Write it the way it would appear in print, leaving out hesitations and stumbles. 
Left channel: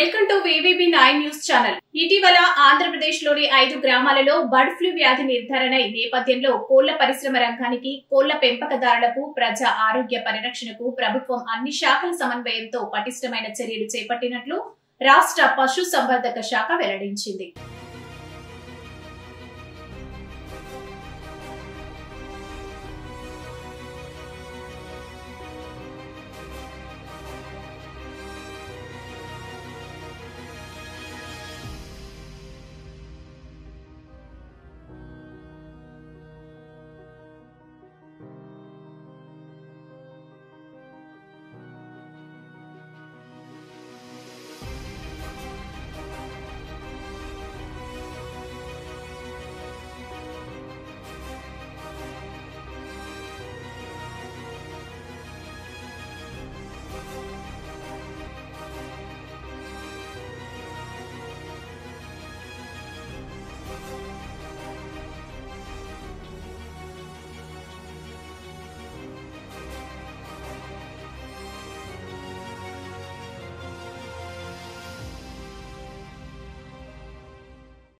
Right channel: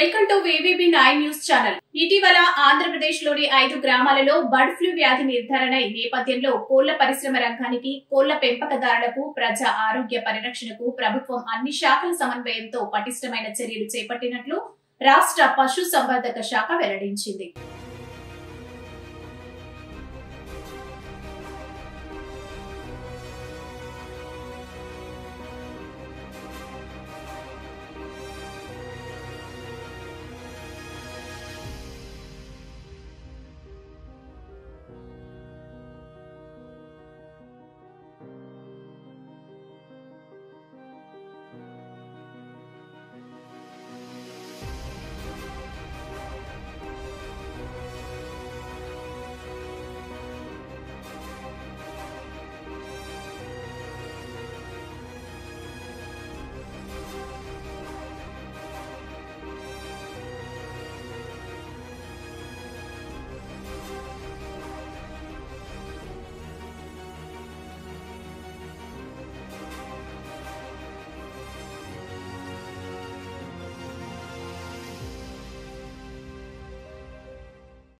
Welcome to VVB9 news channel. ఇటీవల ఆంధ్రప్రదేశ్లోని 5 గ్రామాలలో బర్డ్ ఫ్లూ వ్యాధి నిర్ధారణ నేపథ్యంలో కోళ్ల పరిశ్రమ రంగానికి, కోళ్ల పెంపకదారులకు, ప్రజా ఆరోగ్య పరిరక్షణకు ప్రభుత్వం అన్ని శాఖల సమన్వయంతో పటిష్టమైన చర్యలు చేపట్టినట్లు రాష్ట్ర పశు సంవర్ధక శాఖ వెల్లడించింది.